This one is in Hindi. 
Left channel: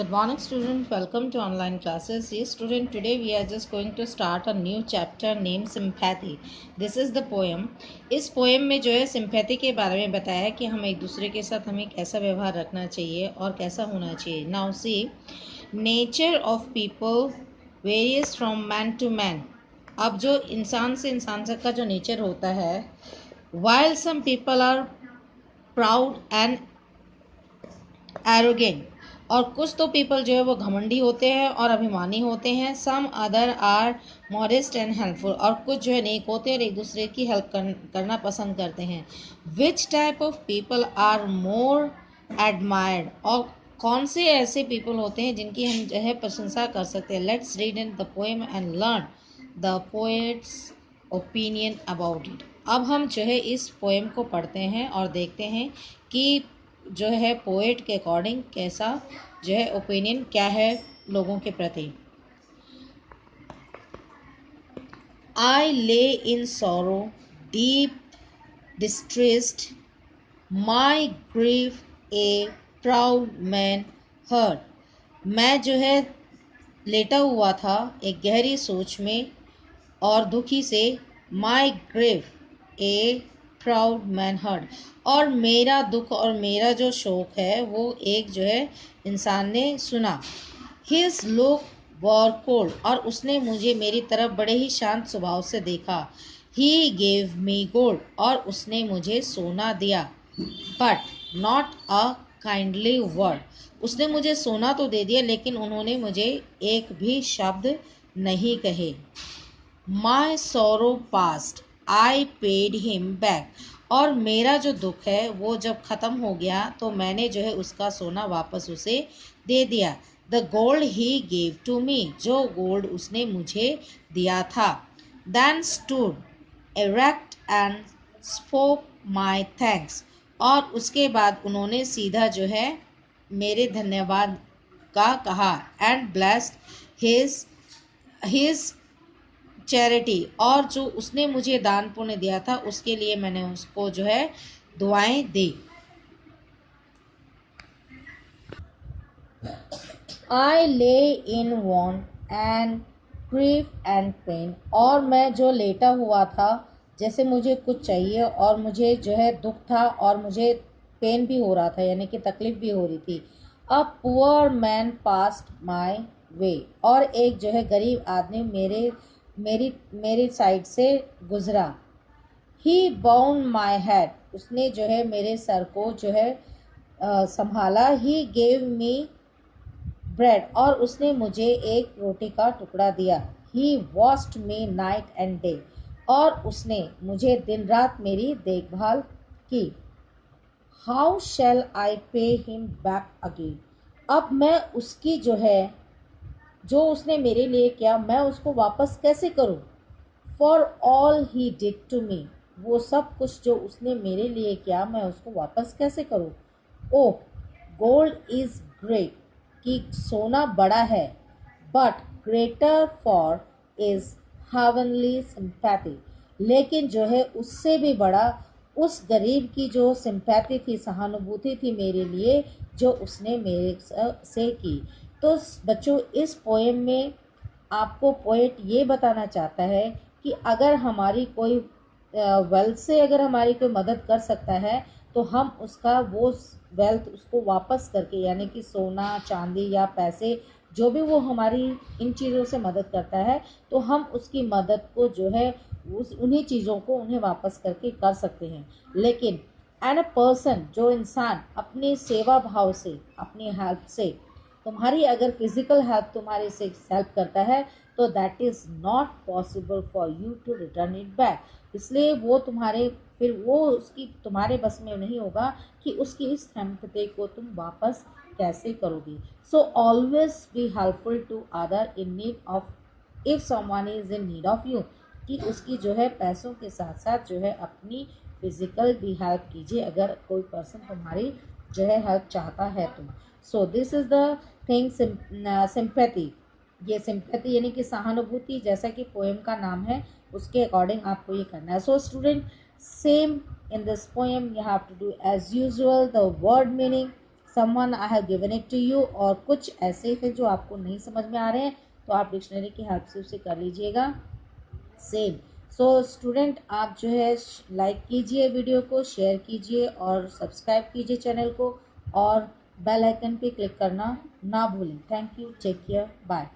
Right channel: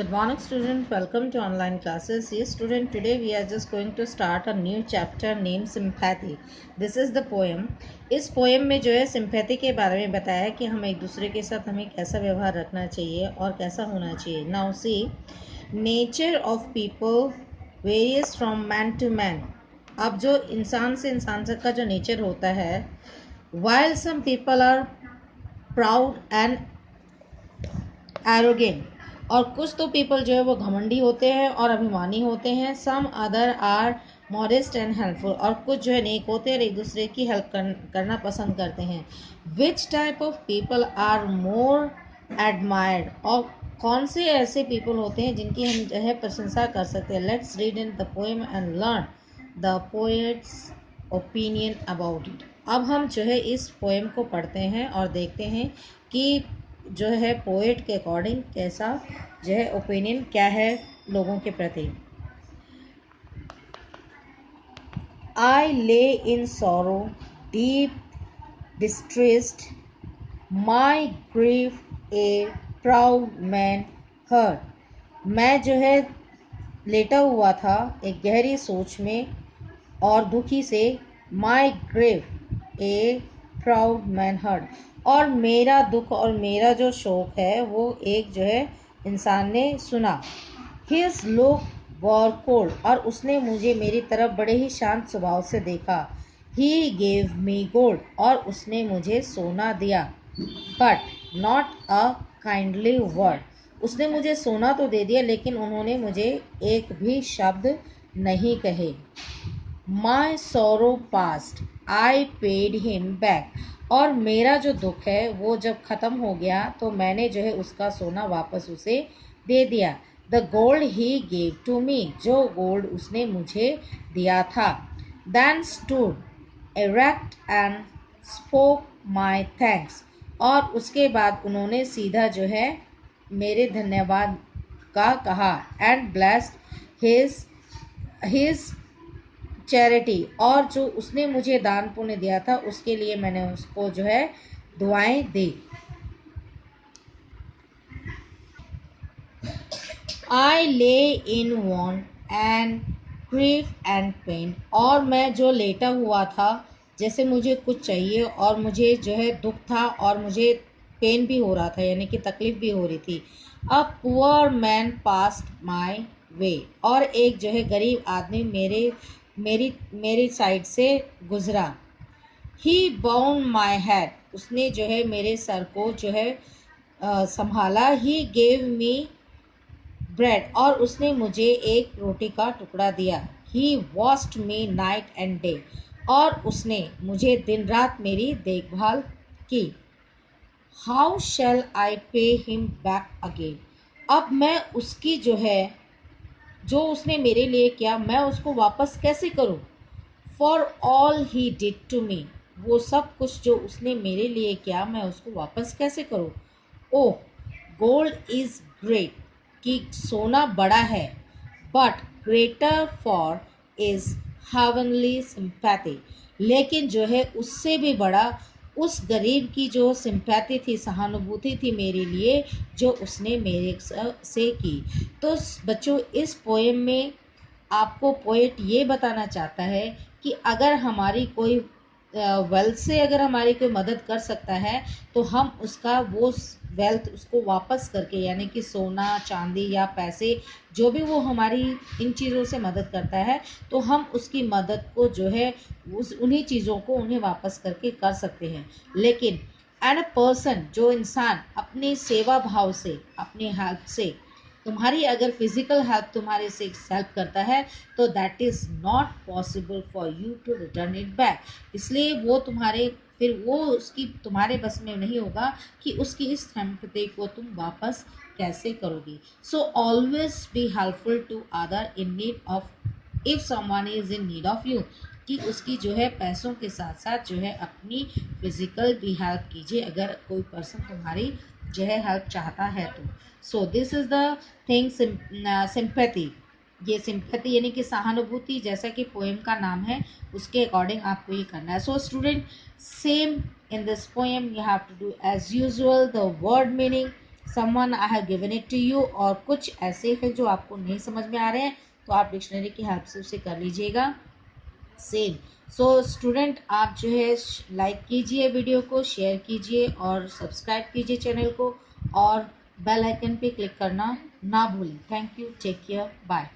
Good morning, student. Welcome to online classes. Yes, student. Today we are just going to start a new chapter named Sympathy. This is the poem. इस पोएम में जो है सिंपैथी के बारे में बताया है कि हम एक दूसरे के साथ हमें कैसा व्यवहार रखना चाहिए और कैसा होना चाहिए. Now see, nature of people varies from man to man. अब जो इंसान से इंसान तक का जो नेचर होता है, while some people are proud and arrogant, और कुछ तो पीपल जो है वो घमंडी होते हैं और अभिमानी होते हैं. Some other are modest and helpful, और कुछ जो है नेक होते हैं और एक दूसरे की हेल्प करना पसंद करते हैं. Which type of people are more admired, और कौन से ऐसे पीपल होते हैं जिनकी हम जो है प्रशंसा कर सकते हैं. Let's read in the poem and learn the poets opinion about it. अब हम जो है इस पोएम को पढ़ते हैं और देखते हैं कि जो है पोएट के अकॉर्डिंग कैसा जो है ओपिनियन क्या है लोगों के प्रति. I lay in sorrow deep distressed, my grief a proud man heard. मैं जो है लेटा हुआ था एक गहरी सोच में और दुखी से. My grief a proud man heard, और मेरा दुख और मेरा जो शोक है वो एक जो है इंसान ने सुना. हिज लुक वर कोल्ड, और उसने मुझे मेरी तरफ बड़े ही शांत स्वभाव से देखा. ही गेव मी गोल्ड, और उसने मुझे सोना दिया. But not a kindly word, उसने मुझे सोना तो दे दिया लेकिन उन्होंने मुझे एक भी शब्द नहीं कहे. माई सोरो past I paid him back, और मेरा जो दुख है वो जब ख़त्म हो गया तो मैंने जो है उसका सोना वापस उसे दे दिया. The gold he gave to me, जो गोल्ड उसने मुझे दिया था. Then stood erect and spoke my thanks, और उसके बाद उन्होंने सीधा जो है मेरे धन्यवाद का कहा. एंड ब्लेस्ड हिज चैरिटी, और जो उसने मुझे दान पुण्य दिया था उसके लिए मैंने उसको जो है दुआएं दी. I lay in want and grief and pain, और मैं जो लेटा हुआ था जैसे मुझे कुछ चाहिए और मुझे जो है दुख था और मुझे पेन भी हो रहा था यानी कि तकलीफ भी हो रही थी. A poor man passed my way, और एक जो है गरीब आदमी मेरी साइड से गुजरा. ही बाउंड माई हेड, उसने जो है मेरे सर को जो है संभाला. ही गेव मी ब्रेड, और उसने मुझे एक रोटी का टुकड़ा दिया. He washed me night and day, और उसने मुझे दिन रात मेरी देखभाल की. How shell I pay him back again, अब मैं उसकी जो उसने मेरे लिए किया मैं उसको वापस कैसे करूं. For all he did to me, वो सब कुछ जो उसने मेरे लिए किया मैं उसको वापस कैसे करूं. ओह गोल्ड इज ग्रेट, कि सोना बड़ा है. But greater for is heavenly sympathy, लेकिन जो है उससे भी बड़ा उस गरीब की जो सिंपैथी थी, सहानुभूति थी मेरे लिए जो उसने मेरे से की. तो बच्चों इस पोएम में आपको पोएट ये बताना चाहता है कि अगर हमारी कोई वेल्थ से अगर हमारी कोई मदद कर सकता है तो हम उसका वो वेल्थ उसको वापस करके यानी कि सोना चांदी या पैसे जो भी वो हमारी इन चीज़ों से मदद करता है तो हम उसकी मदद को जो है उन्हीं चीज़ों को उन्हें वापस करके कर सकते हैं. लेकिन एंड अ पर्सन, जो इंसान अपनी सेवा भाव से अपनी हेल्प से तुम्हारी अगर फिजिकल हेल्प तुम्हारे से हेल्प करता है तो that is not possible for you to return it back. इसलिए वो तुम्हारे फिर वो उसकी तुम्हारे बस में नहीं होगा कि उसकी इस सिंपैथी को तुम वापस कैसे करोगी. So always be helpful to other in need of if someone is in need of you, कि उसकी जो है पैसों के साथ साथ जो है अपनी फिजिकल भी हेल्प कीजिए अगर कोई पर्सन तुम्हारी जो है हेल्प चाहता है तो. So this is the thing sympathy. ये सिंपैथी यानी कि सहानुभूति, जैसा कि पोएम का नाम है उसके अकॉर्डिंग आपको ये करना है. So student, same in this poem you have to do as usual the word meaning, someone I have given it to you, और कुछ ऐसे हैं जो आपको नहीं समझ में आ रहे हैं तो आप डिक्शनरी की हेल्प से उसे कर लीजिएगा। सेम सो स्टूडेंट, आप जो है लाइक कीजिए, वीडियो को शेयर कीजिए और सब्सक्राइब कीजिए चैनल को, और बेल आइकन पे क्लिक करना ना भूलें। Thank you, take care, bye.